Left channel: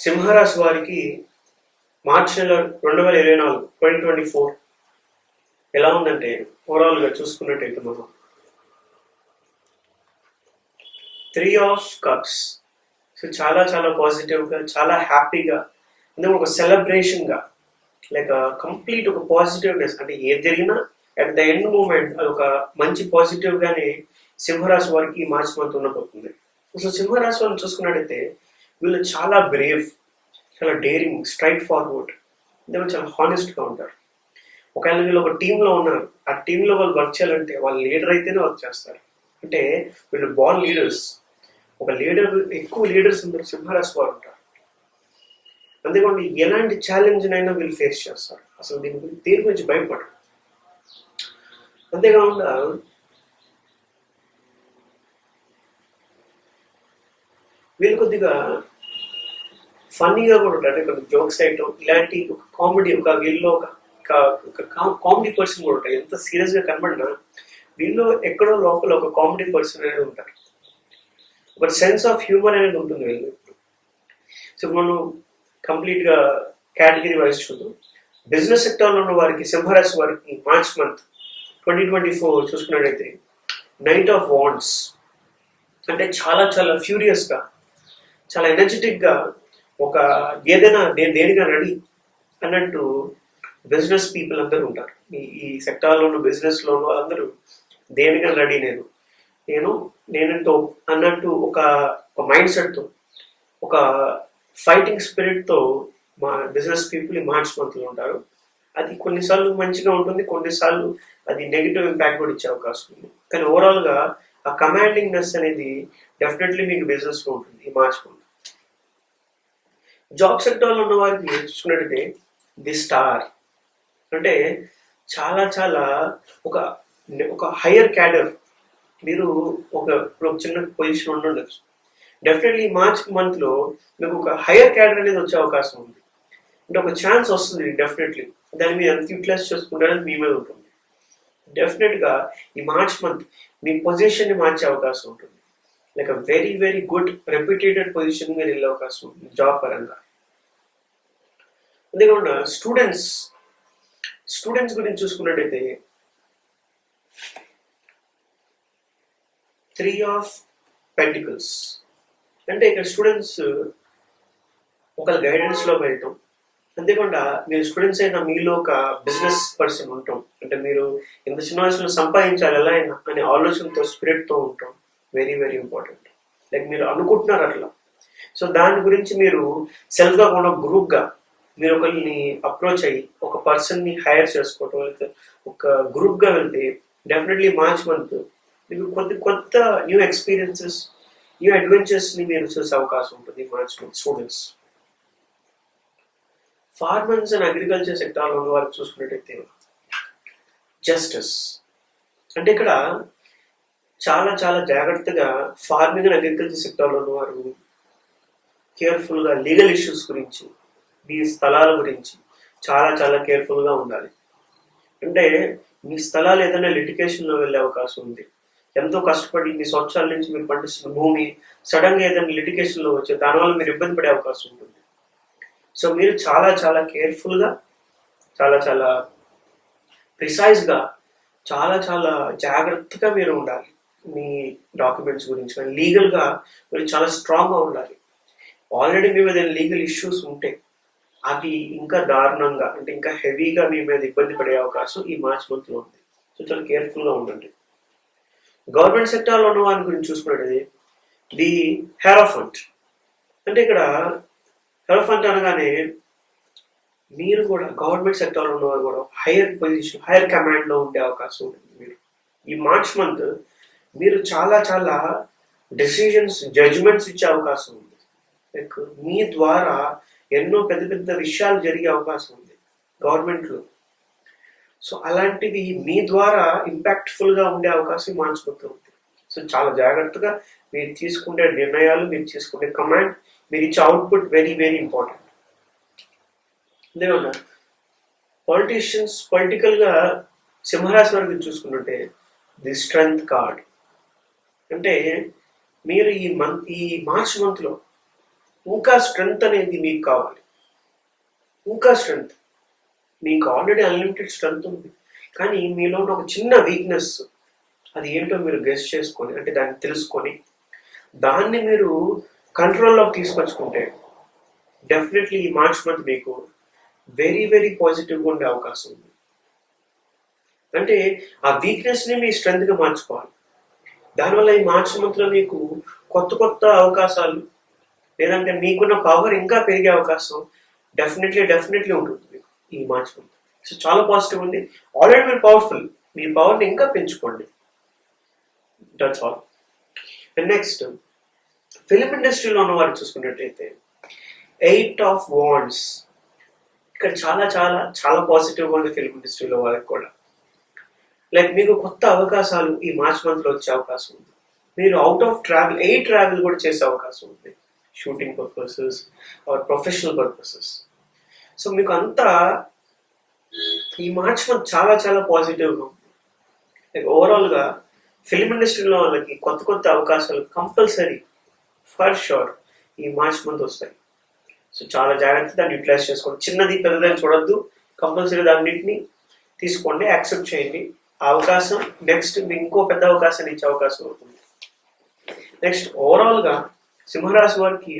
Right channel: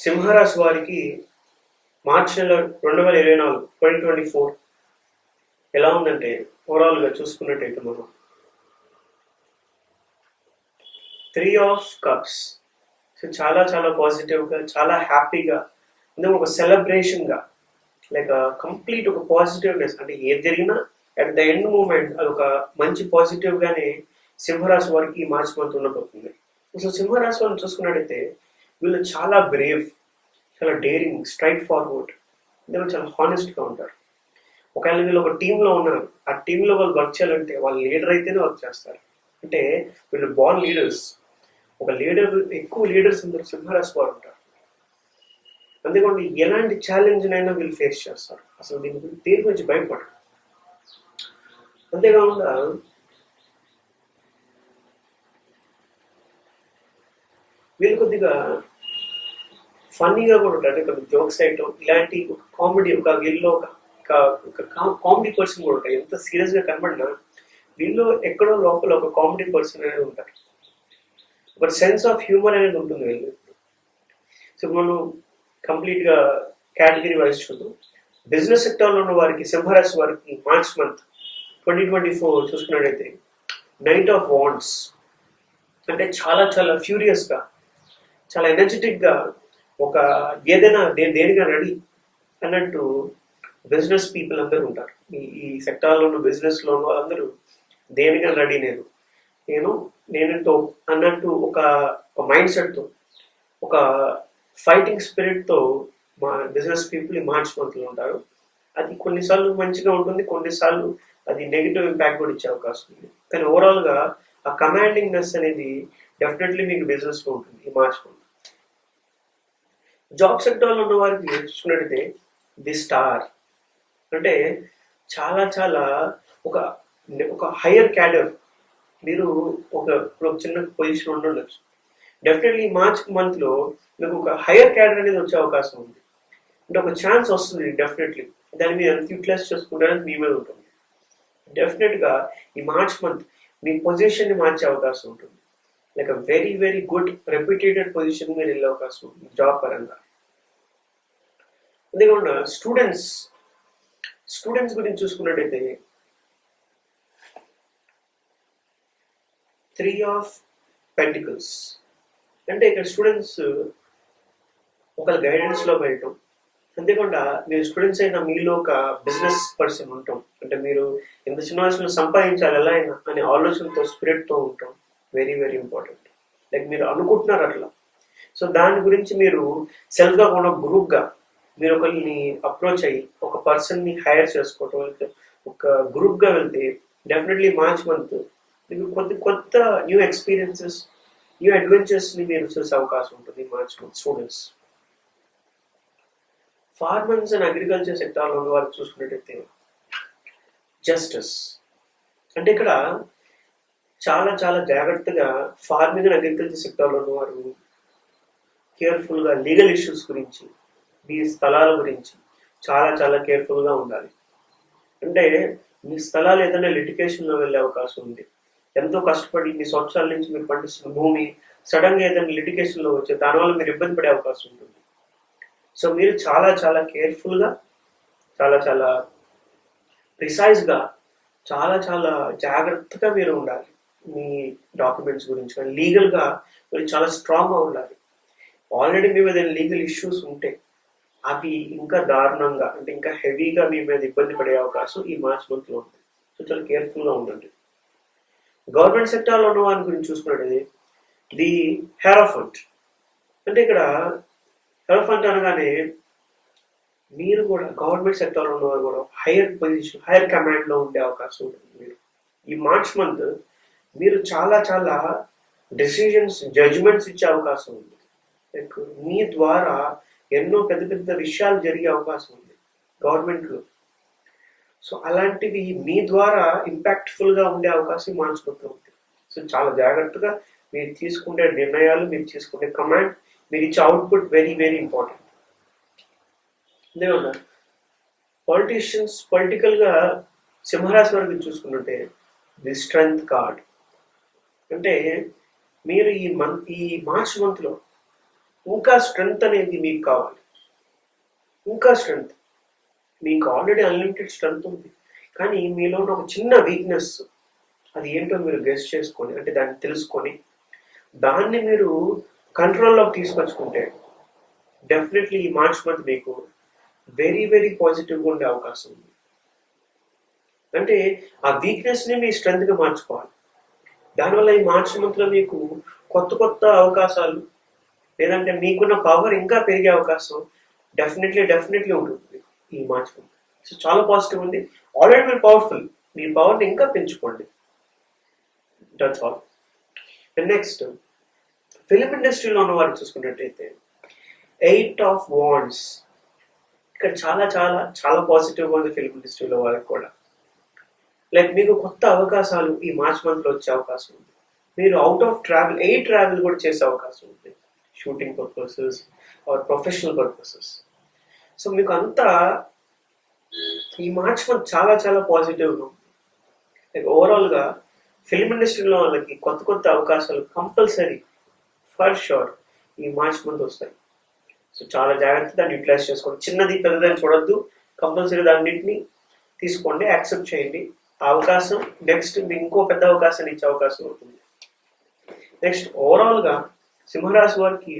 సింహరాశి వారికి మార్చి నెల రెండు వేల ఇరవై నాలుగు ట్వంటీ ట్వంటీ ఫోర్ ఎలా ఉందంటే ఓవరాల్గా చూసుకున్నట్టయితే మనం త్రీ ఆఫ్ కప్స్ సో చాలా చాలా పాజిటివ్గా చాలా హ్యాపీగా అంటే ఒక సెలబ్రేషన్గా లైక్ కంప్లీట్ ఒక పాజిటివ్నెస్ అంటే ఏది జరిగినా అట్ ద ఎండ్ మూమెంట్ అది ఒక మంచి పాజిటివ్గానే సింహరాశి వారికి మార్చి మంత్ ఉండబోతుంది. సో సింహరాశి వారిని చూసుకున్నట్టయితే వీళ్ళు చాలా బ్రేవ్ చాలా డేరింగ్ స్ట్రైట్ ఫార్వర్డ్ అంటే చాలా హానెస్ట్గా ఉంటారు. ఒకవేళ వీళ్ళు ఒక టీంలో ఉన్నారు ఆ టీంలో వాళ్ళు వర్క్ చేయాలంటే వాళ్ళు లీడర్ అయితేనే వర్క్ చేస్తారు. అంటే వీళ్ళు బాల్ లీడర్స్ ఒక లీడర్ ఎక్కువ లీడర్స్ అందరూ సింహరాశి వారు ఉంటారు. అంతేకాకుండా ఎలాంటి ఛాలెంజ్ అయినా వీళ్ళు ఫేస్ చేస్తారు. అసలు దీని గురించి దేని గురించి భయపడరు. అంతేకాకుండా వీళ్ళు కొద్దిగా ఫన్నీగా కూడా ఉంటారు అంటే కొన్ని జోక్స్ ఐటమ్ ఇలాంటి ఒక కామెడీ ఒక వీళ్ళలో ఒక ఒక కామెడీ పర్సన్ కూడా ఉంటారు ఎంత సీరియస్గా కనబడినా వీళ్ళు ఎక్కడో లోపల ఒక కామెడీ పర్సన్ అనేది ఉంటారు. ఒక సెన్స్ ఆఫ్ హ్యూమర్ అనేది ఉంటుంది వీళ్ళు సో మనం కంప్లీట్గా కేటగిరీ వైజ్ చూద్దాం. బిజినెస్ సెక్టర్లో ఉన్న వారికి సింహరాశి వారికి March month twenty twenty four చూసుకున్నట్టయితే నైట్ ఆఫ్ వాండ్స్. అంటే చాలా చాలా ఫ్యూరియస్గా చాలా ఎనర్జెటిక్గా ఒక ఏదైనా నేను దేనిగా రెడీ అన్నట్టు బిజినెస్ పీపుల్ అందరూ ఉంటారు. ఈ ఈ సెక్టార్లోను బిజినెస్లోను అందరూ వాళ్ళందరూ దేనిగా రెడీ నేను. నేను నేనంటూ అన్నట్టు ఒక ఒక మైండ్ సెట్తో ఒక ఫైటింగ్ స్పిరిట్తో మా బిజినెస్ పీపుల్ మార్చి మార్చ్ మంత్లో ఉంటారు. అది కొన్నిసార్లు మంచిగా ఉంటుంది కొన్నిసార్లు అది నెగిటివ్ ఇంపాక్ట్ కూడా ఇచ్చే అవకాశం ఉంది. కానీ ఓవరాల్గా ఆ కమాండింగ్నెస్ అనేది డెఫినెట్లీ మీకు బిజినెస్లో ఉంటుంది ఈ మార్చ్ మంత్ జాబ్ సెక్టర్లో ఉన్న వారికి చూసుకున్నట్టయితే ది స్టార్ అంటే చాలా చాలా ఒక ఒక హయ్యర్ క్యాడర్. మీరు ఒక ఒక చిన్న పొజిషన్ ఉండొచ్చు. డెఫినెట్లీ మార్చ్ మంత్లో మీకు ఒక హయ్యర్ క్యాడర్ అనేది వచ్చే అవకాశం ఉంది. అంటే ఒక ఛాన్స్ వస్తుంది డెఫినెట్లీ. దాన్ని మీరు ఎంత యూటిలైజ్ చేసుకుంటారని మీ మీద ఉంటుంది. డెఫినెట్గా ఈ మార్చ్ మంత్ మీ పొజిషన్ని మార్చే అవకాశం ఉంటుంది. Like uh very very good reputated position మీరు వెళ్ళే అవకాశం ఉంది జాబ్ పరంగా. అంతేకాకుండా స్టూడెంట్స్ స్టూడెంట్స్ గురించి చూసుకున్నట్టయితే త్రీ ఆఫ్ పెంటికల్స్ అంటే ఇక్కడ స్టూడెంట్స్ ఒక గైడెన్స్లో వెళ్ళటం. అంతేకాకుండా మీరు స్టూడెంట్స్ అయినా మీలో ఒక బిజినెస్ పర్సన్ ఉంటాం. అంటే మీరు ఇంత చిన్న వయసులో సంపాదించాలి ఎలా అయినా అనే ఆలోచనతో స్పిరిట్తో ఉంటాం. Very very important. లైక్ మీరు అనుకుంటున్నారు అట్లా. సో దాని గురించి మీరు సెల్ఫ్గా కూడా గ్రూప్గా మీరు ఒకరిని అప్రోచ్ అయ్యి ఒక పర్సన్ని హైర్ చేసుకోవటం లేకపోతే ఒక గ్రూప్గా వెళ్తే డెఫినెట్లీ మార్చ్ మంత్ మీకు కొద్ది కొత్త న్యూ ఎక్స్పీరియన్సెస్ న్యూ అడ్వెంచర్స్ని మీరు చూసే అవకాశం ఉంటుంది March month students. Farmers and agriculture సెక్టార్లో ఉన్న వారికి చూసుకున్నట్టయితే జస్టిస్. అంటే ఇక్కడ చాలా చాలా జాగ్రత్తగా ఫార్మింగ్ అండ్ అగ్రికల్చర్ సెక్టార్లో ఉన్నవారు కేర్ఫుల్గా లీగల్ ఇష్యూస్ గురించి మీ స్థలాల గురించి చాలా చాలా కేర్ఫుల్గా ఉండాలి. అంటే మీ స్థలాలు ఏదైనా లిటికేషన్లో వెళ్ళే అవకాశం ఉంది. ఎంతో కష్టపడి మీ సంవత్సరాల నుంచి మీరు పండిస్తున్న భూమి సడన్గా ఏదైనా లిటికేషన్లో వచ్చే దానివల్ల మీరు ఇబ్బంది పడే అవకాశం ఉంటుంది. సో మీరు చాలా చాలా కేర్ఫుల్గా చాలా చాలా ప్రిసైజ్గా చాలా చాలా జాగ్రత్తగా మీరు ఉండాలి. మీ డాక్యుమెంట్స్ గురించి కానీ లీగల్గా మీరు చాలా స్ట్రాంగ్గా ఉండాలి. ఆల్రెడీ మీ మీద లీగల్ ఇష్యూస్ ఉంటే అవి ఇంకా దారుణంగా అంటే ఇంకా హెవీగా మీ మీద ఇబ్బంది పడే అవకాశం ఈ మార్చ్ మంత్లో ఉంది. సో చాలా కేర్ఫుల్గా ఉండండి. గవర్నమెంట్ సెక్టార్లో ఉన్న వారి గురించి చూసుకున్నట్టు ది హెరాఫంట్. అంటే ఇక్కడ హెరాఫంట్ అనగానే మీరు కూడా గవర్నమెంట్ సెక్టార్లో ఉన్నవారు కూడా హైయర్ పొజిషన్ హైయర్ కమాండ్లో ఉండే అవకాశం ఉంటుంది. మీరు ఈ మార్చ్ మంత్ మీరు చాలా చాలా డెసిషన్స్ జడ్జ్మెంట్స్ ఇచ్చే అవకాశం ఉంది. లైక్ మీ ద్వారా ఎన్నో పెద్ద పెద్ద విషయాలు జరిగే అవకాశం ఉంది గవర్నమెంట్లో సో అలాంటివి మీ ద్వారా ఇంపాక్ట్ఫుల్గా ఉండే అవకాశం మార్చ్ ఉంది. సో చాలా జాగ్రత్తగా మీరు తీసుకునే నిర్ణయాలు మీరు తీసుకునే కమాండ్ మీరు ఇచ్చే అవుట్పుట్ వెరీ వెరీ ఇంపార్టెంట్ అంతేకాకుండా పాలిటీషియన్స్ పొలిటికల్గా సింహరాశి వరకు చూసుకుంటుంటే ది స్ట్రెంగ్త్ కార్డ్ అంటే మీరు ఈ మంత్ ఈ మార్చ్ మంత్లో ఇంకా స్ట్రెంగ్త్ అనేది మీకు కావాలి. ఇంకా స్ట్రెంగ్త్ మీకు ఆల్రెడీ అన్లిమిటెడ్ స్ట్రెంగ్త్ ఉంది. కానీ మీలో ఉన్న ఒక చిన్న వీక్నెస్ అది ఏంటో మీరు గెస్ట్ చేసుకొని అంటే దాన్ని తెలుసుకొని దాన్ని మీరు కంట్రోల్లోకి తీసుకొచ్చుకుంటే డెఫినెట్లీ ఈ మార్చ్ మంత్ మీకు వెరీ వెరీ పాజిటివ్గా ఉండే అవకాశం ఉంది. అంటే ఆ వీక్నెస్ని మీ స్ట్రెంగ్త్గా మార్చుకోవాలి. దానివల్ల ఈ మార్చ్ మంత్లో మీకు కొత్త కొత్త అవకాశాలు లేదంటే మీకున్న పవర్ ఇంకా పెరిగే అవకాశం డెఫినెట్లీ డెఫినెట్లీ ఉంటుంది ఈ మార్చ్ మంత్. సో చాలా పాజిటివ్ ఉంది. ఆల్రెడీ మీరు పవర్ఫుల్ మీ పవర్ని ఇంకా పెంచుకోండి. That's all and next film ఇండస్ట్రీలో ఉన్న వారు చూసుకున్నట్టయితే ఎయిట్ ఆఫ్ వాండ్స్ ఇక్కడ చాలా చాలా చాలా పాజిటివ్గా ఉంది ఫిలిం ఇండస్ట్రీలో వాళ్ళకి కూడా. లైక్ మీకు కొత్త అవకాశాలు ఈ మార్చ్ మంత్లో వచ్చే అవకాశం ఉంది. మీరు out of travel a travel కూడా చేసే అవకాశం ఉంది. Shooting purposes or professional purposes so మీకు అంతా ఈ మార్చ్ మంత్ చాలా చాలా పాజిటివ్గా ఉంది. లైక్ ఓవరాల్గా ఫిల్మ్ ఇండస్ట్రీలో వాళ్ళకి కొత్త కొత్త అవకాశాలు కంపల్సరీ ఫర్ షూర్ ఈ మార్చ్ మంత్ వస్తాయి. సో చాలా జాగ్రత్త దాన్ని యూటిలైజ్ చేసుకోండి. చిన్నది పెద్దదని చూడొద్దు. కంపల్సరీ దాన్నింటిని తీసుకోండి యాక్సెప్ట్ చేయండి. అవకాశం నెక్స్ట్ ఇంకో పెద్ద అవకాశాన్ని ఇచ్చే అవకాశం ఉంటుంది. నెక్స్ట్ ఓవరాల్గా సింహరాశి వారికి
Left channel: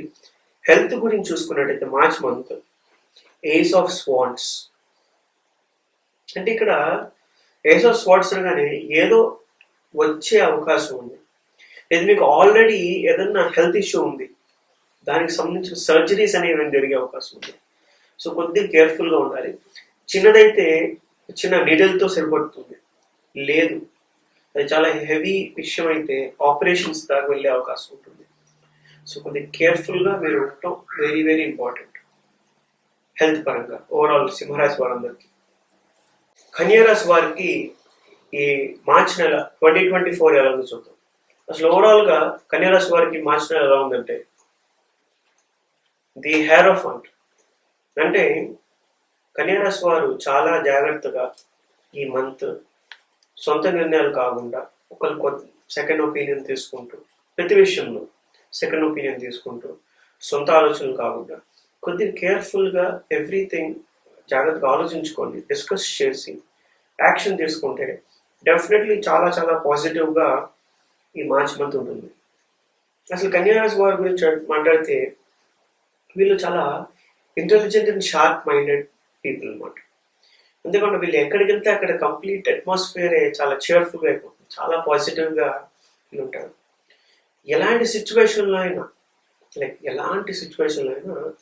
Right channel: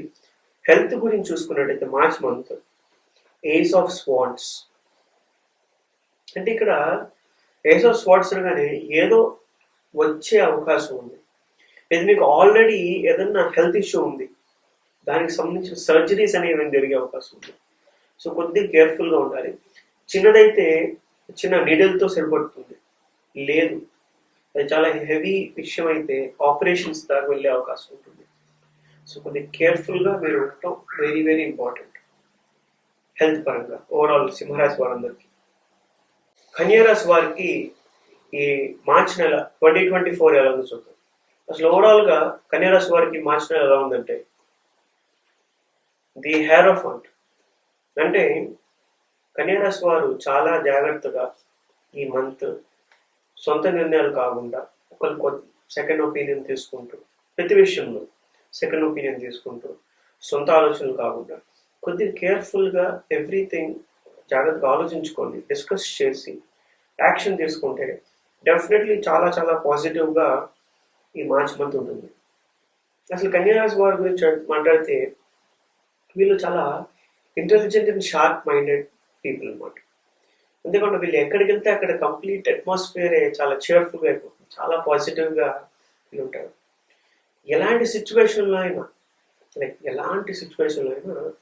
హెల్త్ గురించి చూసుకున్నట్టయితే March month ace of swords అంటే ఇక్కడ ఏస్ ఆఫ్ స్వాట్స్ అనగానే ఏదో వచ్చే అవకాశం ఉంది. లేదు మీకు ఆల్రెడీ ఏదన్నా హెల్త్ ఇష్యూ ఉంది. దానికి సంబంధించిన సర్జరీస్ అనేవి జరిగే అవకాశం ఉంది. సో కొద్దిగా కేర్ఫుల్గా ఉండాలి. చిన్నదైతే చిన్న నీడల్తో సరిపడుతుంది. లేదు. అది చాలా హెవీ విషయం అయితే ఆపరేషన్స్ దాకా వెళ్ళే అవకాశం ఉంటుంది. సో కొద్ది కేర్ఫుల్గా మీరు ఉండటం వెరీ వెరీ ఇంపార్టెంట్. హెల్త్ పరంగా ఓవరాల్ సింహరాశి వారందరికీ. కన్యారాశి వారికి ఈ మార్చి నెల ట్వంటీ ట్వంటీ ఫోర్ ఎలా ఉందో చూద్దాం. అసలు ఓవరాల్గా కన్యారాశి వారికి మార్చి నెల ఎలా ఉందంటే ది హెయిర్ ఆఫ్ అంట్ అంటే కన్యారాశి వారు చాలా జాగ్రత్తగా ఈ మంత్ సొంత నిర్ణయాలు కాకుండా ఒకరు సెకండ్ ఒపీనియన్ తీసుకుంటూ ప్రతి విషయంలో సెకండ్ ఒపీనియన్ తీసుకుంటూ సొంత ఆలోచనలు కాకుండా కొద్దిగా కేర్ఫుల్గా ఎవ్రీథింగ్ జాగ్రత్తగా ఆలోచించుకొని డిస్కస్ చేసి యాక్షన్ తీసుకుంటే డెఫినెట్లీ చాలా చాలా పాజిటివ్గా ఈ మార్చ్ మంత్ ఉంటుంది. అసలు కన్యారాశి వారి గురించి మాట్లాడితే వీళ్ళు చాలా intelligent and sharp minded people అనమాట ఎందుకంటే వీళ్ళు ఎక్కడికి వెళ్తే అక్కడ కంప్లీట్ అట్మాస్ఫియర్ చాలా చేర్ఫుల్గా అయిపోతుంది. చాలా పాజిటివ్గా వీళ్ళు ఉంటారు. ఎలాంటి సిచ్యువేషన్లో అయినా లైక్ ఎలాంటి సిచ్యువేషన్లో అయినా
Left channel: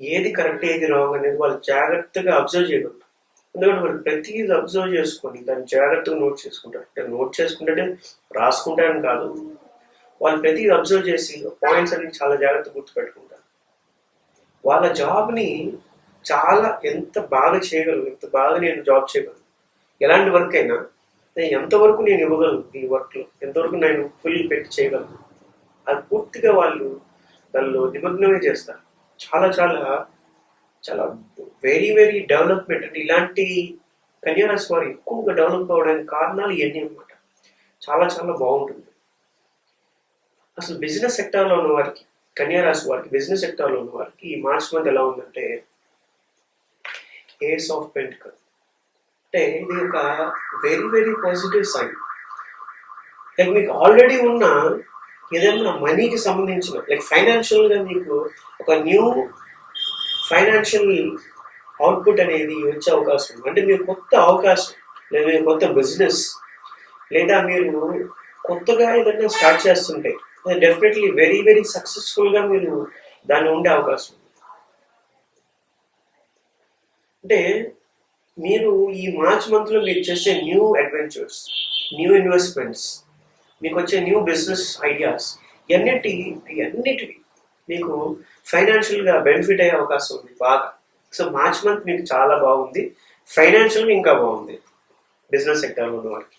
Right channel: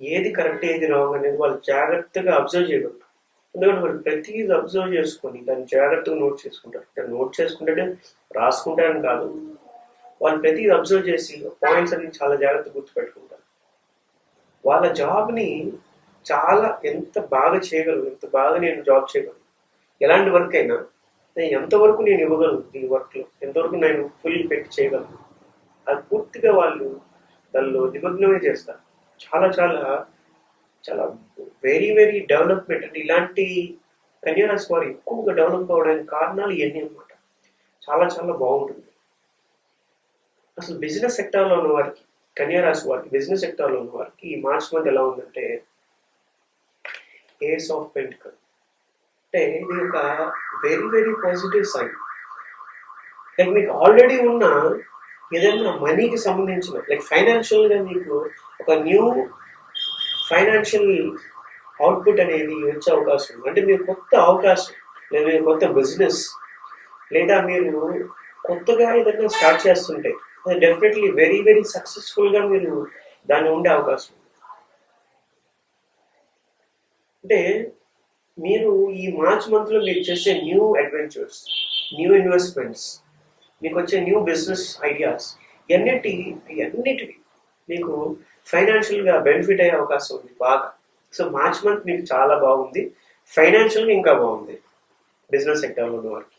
ఏది కరెక్ట్ ఏది రాంగ్ అనేది వాళ్ళు జాగ్రత్తగా అబ్జర్వ్ చేయగలరు ఎందుకంటే వాళ్ళు ప్రతిదీ అబ్జర్వ్ చేసుకొని దాన్ని జాగ్రత్తగా నోట్ చేసుకుంటారు. అంటే నోట్ చేసుకుంటే రాసుకుంటారని కాదు. వాళ్ళు ప్రతిదీ అబ్జర్వ్ చేసి పాయింట్స్ అన్ని చాలా జాగ్రత్తగా గుర్తుపెట్టుకుంటారు. వాళ్ళ జాబ్ని చాలా ఎంత బాగా చేయగలను ఎంత బాగా నేను జాబ్ చేయగలను? ఎలాంటి వర్క్ అయినా నేను ఎంతవరకు నేను ఇవ్వగలను ఈ వర్క్లో ఎంతవరకు నేను ఫుల్ పెట్టి చేయగలను? అది పూర్తిగా వాళ్ళు దానిలో నిమగ్నమే చేస్తారు. చాలా చాలా చాలా వెరీ వెరీ డెవలప్మెంట్ అంటే ఇలాంటి కన్యారాశి వారు ఎక్కువగా డెవలప్ అవ్వడానికి కారణాలు ఇవన్నీ అనమాట చాలా చాలా బాగుంటుంది. అసలు బిజినెస్ సెక్టార్లో ఉన్న వారికి కన్యారాశి వారికి బిజినెస్ సెక్టార్లో ఉన్న వారికి ఈ మార్చ్ మంత్ ఎలా ఉందంటే ఏస్ ఆఫ్ పెంటికల్ అంటే ఇది ఒక very very positive sign like మీకు ఆల్రెడీ ఉన్న ఏదైనా మనీకి సంబంధించిన లైక్ ఫైనాన్షియల్గా మీకు ఒక న్యూ ఫైనాన్షియల్ అవుట్పుట్ అనేది వచ్చే అవకాశం ఉంది. అంటే మీరు కొత్త అవకాశం లేదా మీరు కొత్త బిజినెస్ లేదా మీరు కొత్తగా ఏదైనా స్టార్ట్ చేస్తుంటే డెఫినెట్లీ వెరీ వెరీ సక్సెస్ఫుల్గా మీరు దాన్ని ఉండే అవకాశం ఉంది అంటే మీరు ఈ మార్చ్ మంత్లో మీరు చేసే న్యూ అడ్వెంచర్స్ న్యూ ఇన్వెస్ట్మెంట్స్ మీకు వచ్చే న్యూ బిజినెస్ ఐడియాస్ ఇవన్నిటి ఇవన్నిటివి మీకు ఫైనాన్షియల్గా బెనిఫిట్ అయ్యే అవకాశం ఉంది బాగా. సో మార్చ్ మంత్ మీకు చాలా బాగుంది. ఫైనాన్షియల్గా ఇంకా బాగుంది బిజినెస్ సెక్టార్లో ఉన్న వారికి.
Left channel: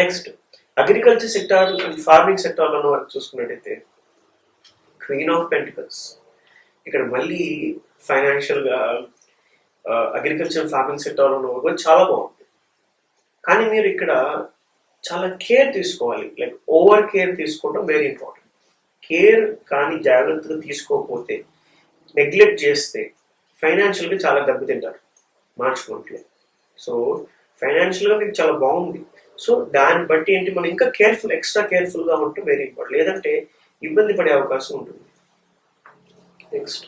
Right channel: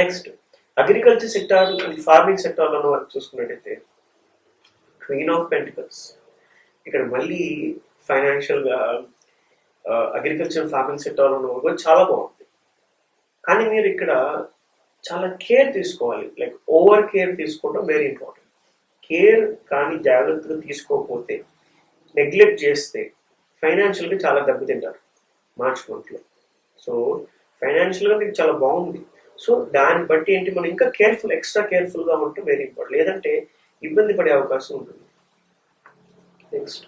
Next agriculture sector and farming సెక్టార్లో ఉన్న వారికి చూసుకున్నట్టయితే క్వీన్ ఆఫ్ పెంటికల్స్. ఇక్కడ మళ్ళీ ఫైనాన్షియల్గా అగ్రికల్చర్ ఫార్మింగ్ సెక్టార్లో ఉన్న చాలా బాగుంది. కానీ మీరు ఇక్కడ చాలా కేర్ తీసుకోవాలి. లైక్ ఓవర్ కేర్ తీసుకోవడం వెరీ ఇంపార్టెంట్ కేర్ కానీ జాగ్రత్తగా తీసుకోకపోతే నెగ్లెక్ట్ చేస్తే ఫైనాన్షియల్గా చాలా దెబ్బతింటారు మార్చ్ మంత్లో సో ఫైనాన్షియల్గా మీకు చాలా బాగుంది. సో దాన్ని బట్టి ఏంటి? మనం ఇంకా కేర్ఫుల్ ఎక్స్ట్రా కేర్ఫుల్గా ఉంటే వెరీ ఇంపార్టెంట్ లేదంటే ఇబ్బంది పడే అవకాశం ఉంటుంది. నెక్స్ట్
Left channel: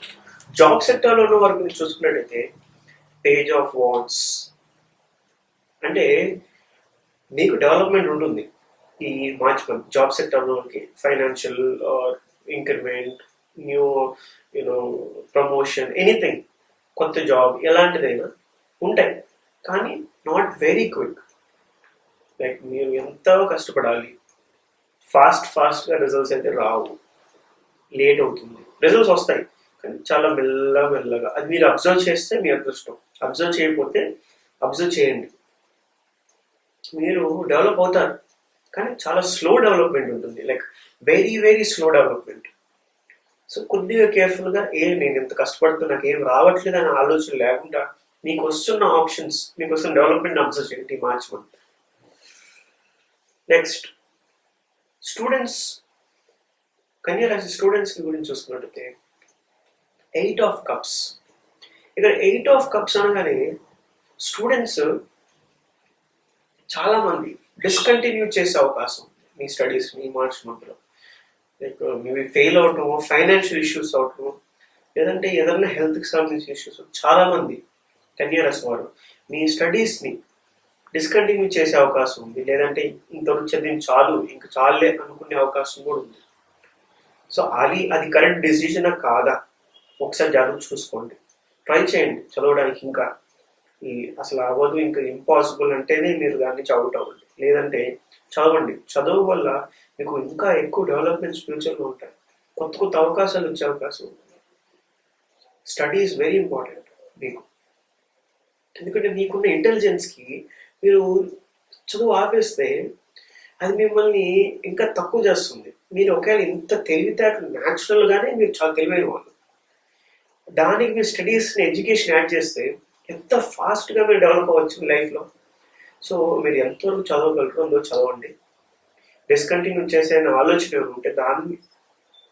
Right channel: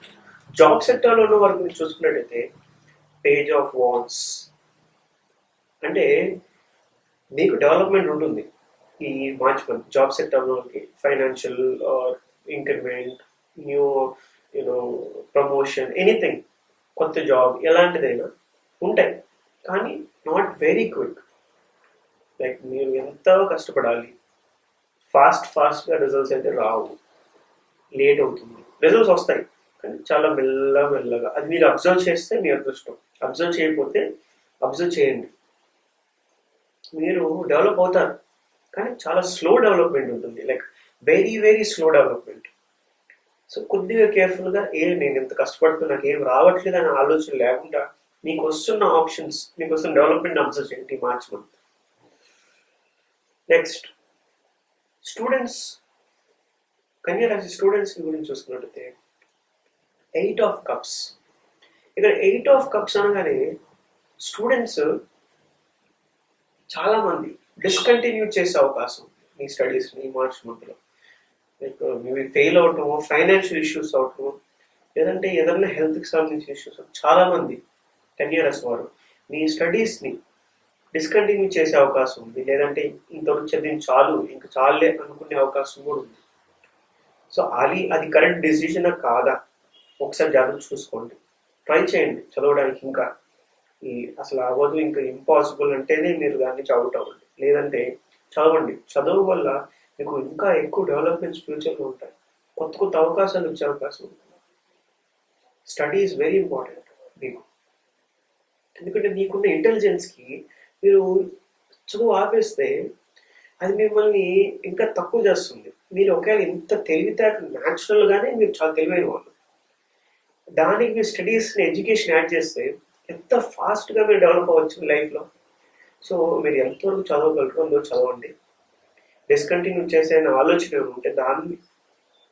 జాబ్ సెక్టర్లో ఉన్న వారు మీరు చూసుకున్నట్టయితే పేజ్ ఆఫ్ వాన్స్ అంటే మీకు డెవలప్మెంట్ ఉంటుంది ఈ March month job సెక్టర్లోకి financial or increment new you know promotion anything కొత్త జాబ్ ఎలాంటిదైనా ఉంటాయి. కానీ నాట్ వెరీ క్విక్ లైక్ మీరు ఎంత కష్టపడాలి? ఫాస్ట్ ఫాస్ట్గా రిజల్ట్స్ అయితే రావు. లేట్ అవుతుంది. రిజల్ట్స్ వస్తాయి. కానీ చాలా మెల్ల మెల్లగా. అది మీరు అబ్జర్వ్ చేస్తే మీ అదృష్టం. అబ్జర్వ్ చేయకపోతే అబ్జర్వ్ చేయండి. మీరు డెవలప్ అవుతారు. కానీ చాలా స్లో డెవలప్మెంట్ ఉంటుంది. Like very very slow development. So కొద్దిగా కేర్ఫుల్గా ఏ నేను ఎంత కష్టపడుతున్నా నాకు ఏం రావట్లేదు అనే ఆలోచన లేకుండా మీకు వస్తున్న ఆప్షన్స్ మీకు వస్తున్న డెవలప్మెంట్ అబ్జర్వ్ చేయండి ఈ మార్చ్ మంత్ నెక్స్ట్ స్టూడెంట్స్ కన్యా రాశి స్టూడెంట్స్ గురించి చూసుకున్నట్టయితే ఎయిట్ ఆఫ్ కప్స్ ఇక్కడ ఎయిట్ ఆఫ్ కప్స్ అనగానే స్టూడెంట్స్ చాలామంది డిస్కంటిన్యూ చేసే అవకాశం ఉంది. మీ స్టడీస్ మీ మార్చ్ మంత్లో లైక్ మేబీ ఫెయిల్ అవటము ఫైనాన్షియల్ ఇష్యూస్ అవటము లేదంటే ఏదైనా హెల్త్కి సంబంధించిన ఇష్యూస్ చాలా మంది ఇయర్స్ వారు మీ స్టడీస్ని డిస్కంటిన్యూ చేసే అవకాశం ఉంది. లేదంటే ఇంతవరకు చదివిన చాలు ఇంకా చాలే అనుకునే అవకాశం కూడా ఉంది. సో అది అది కరెక్ట్ డిసిజనా కాదా? ఒకసారి జాగ్రత్త చూసుకోండి. ట్రై చేయండి. చదవడానికి ఇంకా ఈ అసలు అవ్వదు ఇంకా ఇంపాసిబుల్ అంటేనే మీరు దాన్ని చదువుట్ అవ్వండి లేదంటే చదవండి. చదువు వల్ల మీకు ఇంకా ఎక్కువ డెవలప్మెంట్స్ ఫ్యూచర్లో ఉంటాయి. కొత్త కొత్త అవకాశాలు వచ్చే అవకాశం ఉంటుంది. స్టడీ ఈజ్ వెరీ ఇంపార్టెంట్ మీకు. ఎందుకంటే మీకున్న ఇంటెలిజెన్స్కి మీరు చదువు ఆపేస్తే అది మిమ్మల్ని ఇంకా తక్కువ చేస్తుంది. మీరు ఒకవేళ ఇంత తెలివితేటలు న్యాచురల్గానే మీరు చాలా తెలివైన వాళ్ళు. దానికి మీరు స్టడీస్ని ఎడ్యుకేషన్ యాడ్ చేస్తే ఎంత ఫాస్ట్గా మీరు డెవలప్ అవ్వచ్చు మీ లైఫ్లో సో మీరు ఎంతవరకు చదవగలుగుతుందో చదవండి. డిస్కంటిన్యూ చేసే ఆలోచన ఏమంటే ఉంటే దాన్ని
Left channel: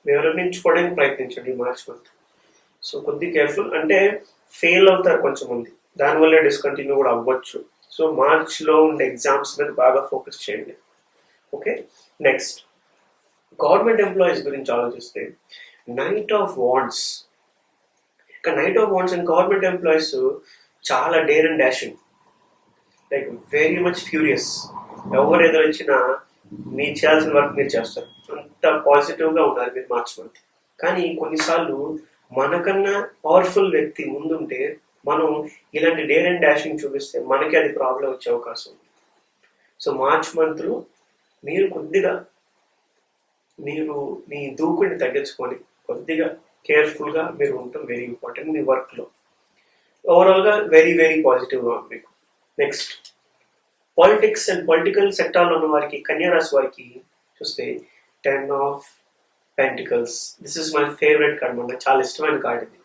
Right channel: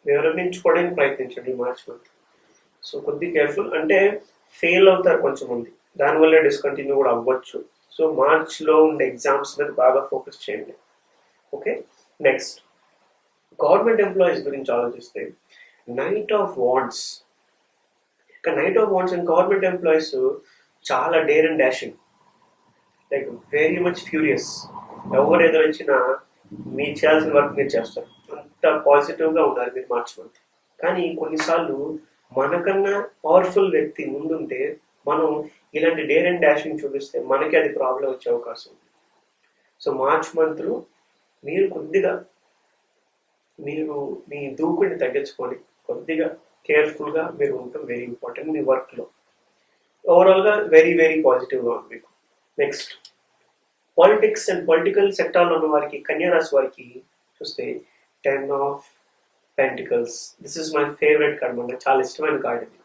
వివరించుకోవడానికి ప్రయత్నించండి మార్చ్ మంత్ సో కొద్ది కేర్ఫుల్ అంటే ఫెయిల్ అవుతారు కొంచెం మంది. దానివల్ల డిస్కంటిన్యూ కూడా అవ్వచ్చు. సో మార్చ్లో ఉండే ఎగ్జామ్స్ మీద బాగా ఫోకస్ చేయండి. ఓకే నెక్స్ట్ గవర్నమెంట్ ఎంప్లాయీస్ గురించి ఆలోచిస్తే నైట్ ఆఫ్ వాండ్స్ కానీ knight of wands and government employees చాలా dare and dashing like very much furious ఎవరు ఎదురొచ్చినా మీరు చేయాల్సిన వర్క్ మీరు చేస్తారు. అంత పాజిటివ్గా ఉండాలి మీరు మార్చ్ మంత్ కానీ కొన్నిసార్లు మనకన్నా పవర్ఫుల్ వ్యక్తి ముందుంటే మనం ఇలాంటి డేర్ అండ్ డాషింగ్ చూపిస్తే మనకి అది ప్రాబ్లం వచ్చే అవకాశం ఉంది. సో మార్చ్ మంత్లో మీరు కొద్దిగా మీరు మీ దూకుడిని తగ్గించుకొని కొద్దిగా కేర్ఫుల్గా మీరు ఉండటం వెరీ ఇంపార్టెంట్ మీ వర్క్లో ఓవరాల్గా వెరీ వెరీ పాజిటివ్గా ఉంది మీకు. నెక్స్ట్ పాలిటిక్స్ అండ్ పొలిటికల్ సెక్టార్లో ఉన్న వారికి కన్యారాశి వారికి చూస్తే ten of pentacles this is my favourite card మన చాలా ఇష్టమైన కార్డ్ ఇది.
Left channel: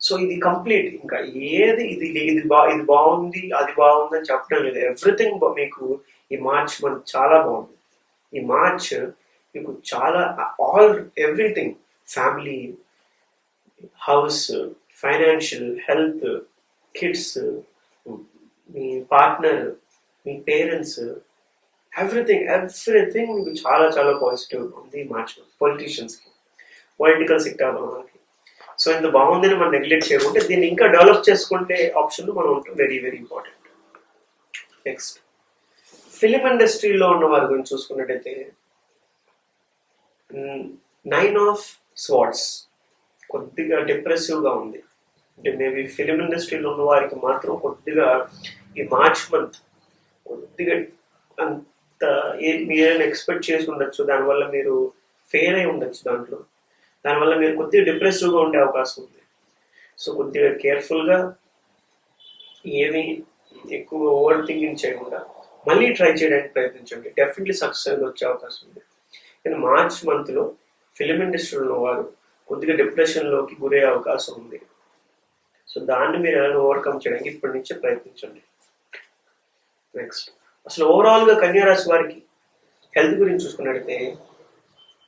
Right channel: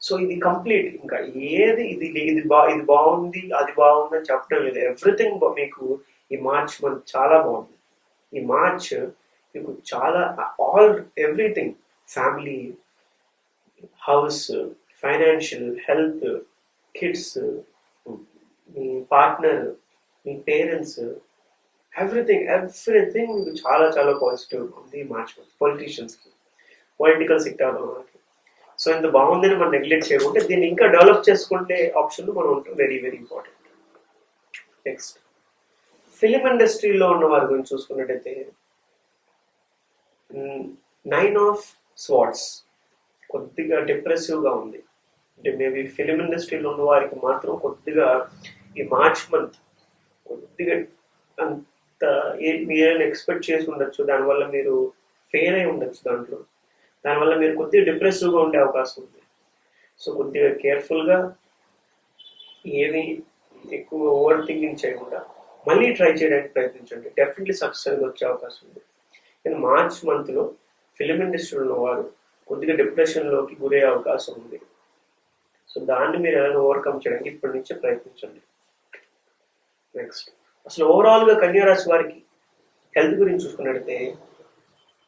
సో ఇది కంప్లీట్ ఇంకా ఏది ఇది ఇది బా ఇది బాగుంది అది బాగుంది అని చెప్పడం లేదు. ఎవ్రీథింగ్ మీకు ఈ మార్చ్ మనకు చాలా బాగుంది. ఈ మార్చ్ మీకు చాలా all everything family house financial health kids మీ పార్ట్నర్ మీ పేరెంట్స్ ఎవ్రీథింగ్ ఎవ్రీథింగ్ మీకు చాలా చాలా పాజిటివ్ ఉంది ఈ మార్చ్ పొలిటీషియన్స్కి పొలిటికల్ సెక్టార్ వాళ్ళకి. సో ఇంత బాగుందని మనం నెగ్లెక్ట్ చేయకుంటే దీన్ని ఇంకా డెవలప్ చేసుకుంటే ఆప్షన్లు మనం ఉంటాం. Very very important next film ఇండస్ట్రీలో ఉన్న వారి గురించి చూసుకున్నట్టయితే నైన్ ఆఫ్ స్వాట్స్ కొద్దిగా డిప్రెసివ్గా ఉంది. అంటే మేబీ ఫిలిం ఇండస్ట్రీలో ఉన్న వారికి మాత్రం కొద్దిగా ఈ మార్చ్ మంత్ కొద్దిగా అంత ఏ మీరైనా ఎక్స్పెక్ట్ చేసి ఉండొచ్చు దానివల్ల మీరు ఫెయిల్ అయి ఉండొచ్చు దాంట్లో. దానివల్ల మీరు కొద్దిగా డిప్రెసివ్గా ఉండే అవకాశం ఉంది. సో కొద్దిగా కేర్ఫుల్గా ఏమి ఎక్కువ ఓవర్ థింకింగ్ చేయకుండా మళ్ళీ ట్రై చేయడానికి ప్రయత్నించండి. డెఫినెట్లీ సక్సెస్ వచ్చే అవకాశం ఉంది. కానీ మార్చ్ మంత్లో ఫిలిం ఇండస్ట్రీలో వారు కొద్దిగా డిప్రెషన్లోకి గురయ్యే అవకాశం ఉంది. సో దాన్ని మీరు ఎలా ఓవర్కమ్ చేయడానికి ఇప్పటి నుంచే ప్రయత్నించండి. నెక్స్ట్ అసలు ఓవరాల్గా కన్యారాశి వారికి హెల్త్ గురించి చూసుకున్నట్టయితే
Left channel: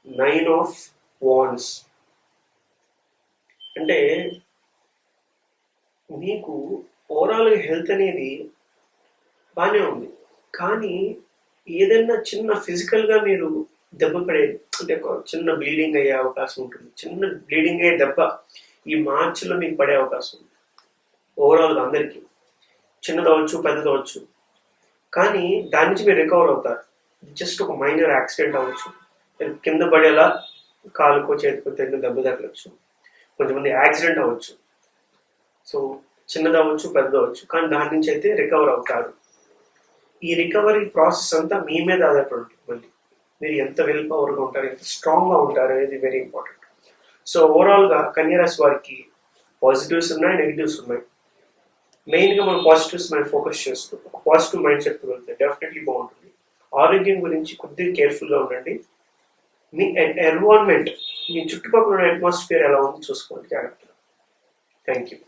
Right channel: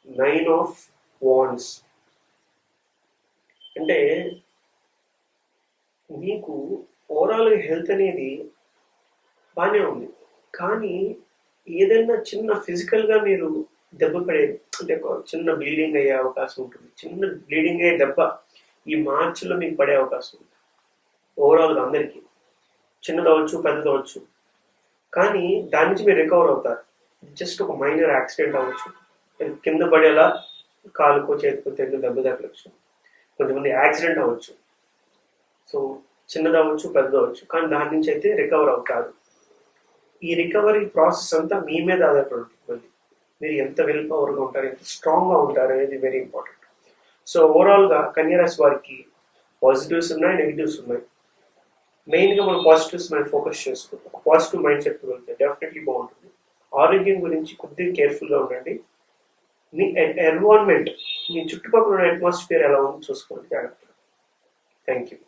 నైన్ ఆఫ్ వాన్స్ అంటే మీకు ఓవరాల్గా హెల్త్ అనేది బాగానే ఉంది. కానీ ఏదైనా చిన్న ఫిజికల్గా మీరు దెబ్బ పడే అంటే ఒక చిన్న బ్లీడింగ్ అయ్యే అవకాశం ఉంటుంది. చిన్న బ్లీడింగ్ అయ్యే దెబ్బ ఈ మార్చిలో మీకు పడే అవకాశం ఉంది ఓవరాల్గా అందరికీ. చిన్నదవచ్చు పెద్దదవచ్చు కానీ దాని నుంచి మీరు రికవర్ అవుతారు. జస్ట్ ఒక మైనర్ యాక్సిడెంట్ అవ్వచ్చు. కింద పడేలా కాలుకో చేతికో తెల్లు దెబ్బ తగలచ్చు. కొంతమంది యాక్సిడెంట్ అవ్వచ్చు. సో చిన్నది అవ్వచ్చు పెద్దది అవ్వచ్చు. కానీ దాని నుంచి అయితే రికవర్ అవుతారు. ఈ రికవరీ ప్రాసెస్ అంతా మీ మీద ఆధారపడి ఉంటుంది మళ్ళీ. మీరు ఎంత విల్ పవర్గా ఉంటారు ఎంత స్ట్రాంగ్గా ఉంటారు అనేది వెరీ ఇంపార్టెంట్ సో ఓవరాల్గా కన్యరాశి వారికి పాజిటివ్స్ ఉన్నాయి నెగిటివ్స్ ఉన్నాయి. మెయిన్గా మనం పాజిటివ్స్ మనం ఫోకస్ చేస్తూ పాజిటివ్ మైండ్ సెట్ వెళ్తే డెఫినెట్లీ బాగుంటుంది. ఆరోగ్యం గురించి కొద్దిగా కేర్ఫుల్గా ఉండండి. మీ ఎన్విరాన్మెంట్ మీ చుట్టుపక్కల ఉన్న అట్మాస్ఫియర్ ఎలా ఉందో చూసుకోండి జాగ్రత్తగా. Thank you